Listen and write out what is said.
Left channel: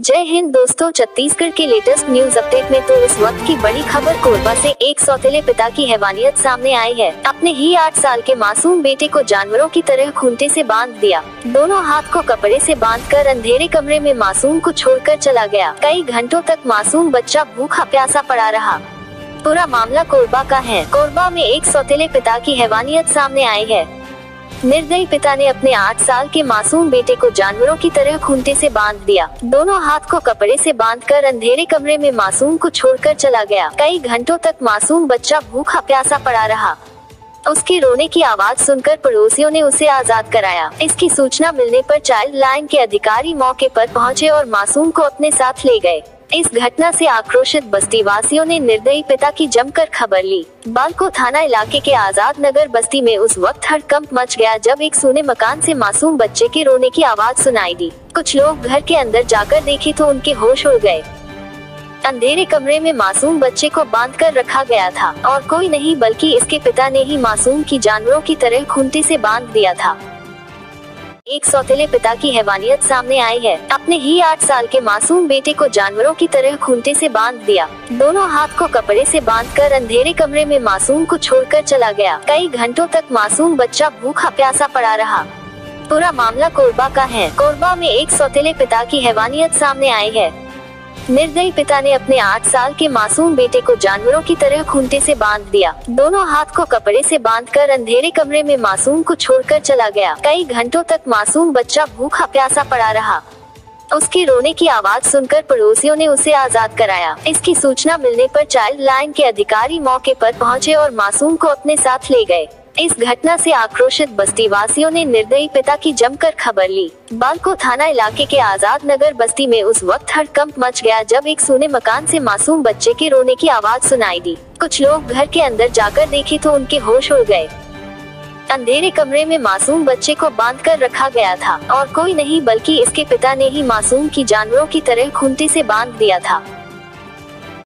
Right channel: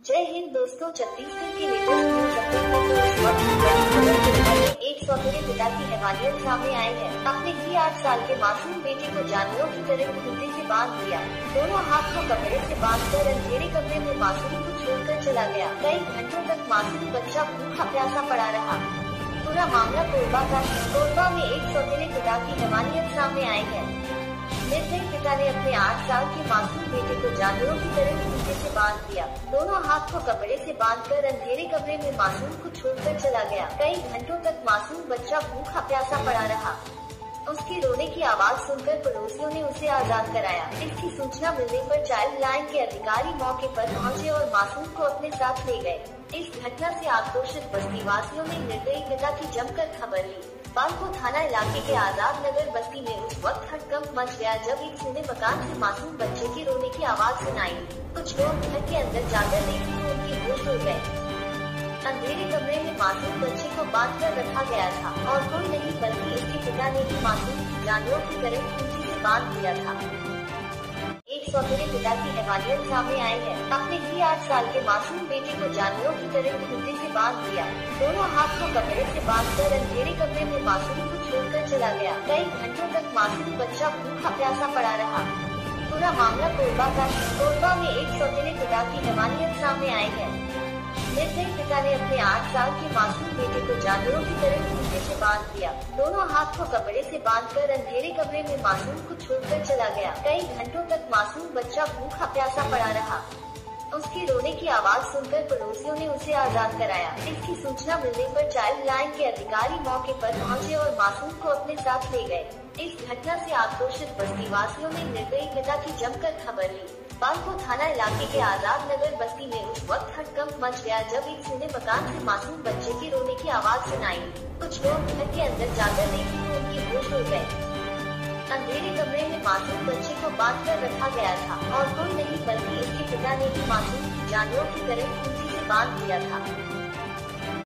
जय हिंद दोस्तों, छत्तीसगढ़ के लेटेस्ट न्यूज अपडेट में तो इस वक्त की बड़ी खबर कोरबा से एक सौतेले पिता की हैवानियत सामने आई है। अपने ही 8 साल के मासूम बेटे को जानवरों की तरह खूंटे से बांध दिया। दोनों हाथ को कपड़े से बांधकर अंधेरे कमरे में मासूम को छोड़कर चला गया। कई घंटों तक मासूम बच्चा भूखा प्यासा पड़ा रहा। पूरा मामला कोरबा का है। कोरबा में एक सौतेले पिता की हैवानियत सामने आई है। निर्दयी पिता ने अपने 8 साल के मासूम बेटे को जानवरों की तरह खूंटे से बांध दिया। दोनों हाथ को कपड़े से बांधकर अंधेरे कमरे में मासूम को छोड़कर चला गया। कई घंटों तक मासूम बच्चा भूखा प्यासा पड़ा रहा। उसके रोने की आवाज सुनकर पड़ोसियों ने उसे आजाद कराया। इसकी सूचना मिलने पर चाइल्ड लाइन के अधिकारी मौके पर पहुंचे और मासूम को अपने साथ ले गए। इस घटना से आक्रोशित बस्ती वासियों ने निर्दयी पिता की जमकर खबर ली। बालको थाना इलाके के आजाद नगर बस्ती में उस वक्त हड़कंप मच गया जब एक सूने मकान से मासूम बच्चे के रोने की आवाज सुनाई दी। कुछ लोग घर के अंदर जाकर देखे तो उनके होश उड़ गए। अंधेरे कमरे में मासूम बच्चे को बांधकर रखा गया था और कोई नहीं बल्कि इसके पिता ने ही मासूम की जानवरों की तरह खूंटे से बांध दिया था। एक सौतेले पिता की हैवानियत सामने आई है। अपने ही 8 साल के मासूम बेटे को जानवरों की तरह खूंटे से बांध दिया। दोनों हाथ को कपड़े से बांधकर अंधेरे कमरे में मासूम को छोड़कर चला गया। कई घंटों तक मासूम बच्चा भूखा प्यासा पड़ा रहा। पूरा मामला कोरबा का है। कोरबा में एक सौतेले पिता की हैवानियत सामने आई है। निर्दयी पिता ने अपने 8 साल के मासूम बेटे को जानवरों की तरह खूंटे से बांध दिया। दोनों हाथ को कपड़े से बांधकर अंधेरे कमरे में मासूम को छोड़कर चला गया। कई घंटों तक मासूम बच्चा भूखा प्यासा पड़ा रहा। उसके रोने की आवाज सुनकर पड़ोसियों ने उसे आजाद कराया। इसकी सूचना मिलने पर चाइल्ड लाइन के अधिकारी मौके पर पहुंचे और मासूम को अपने साथ ले गए। इस घटना से आक्रोशित बस्ती वासियों ने निर्दयी पिता की जमकर खबर ली। बालको थाना इलाके के आजाद नगर बस्ती में उस वक्त हड़कंप मच गया जब एक सूने मकान से मासूम बच्चे के रोने की आवाज सुनाई दी। कुछ लोग घर के अंदर जाकर देखे तो उनके होश उड़ गए। अंधेरे कमरे में मासूम बच्चे को बांधकर रखा गया था और कोई नहीं बल्कि इसके पिता ने ही मासूम की जानवरों की तरह खूंटे से बांध दिया था।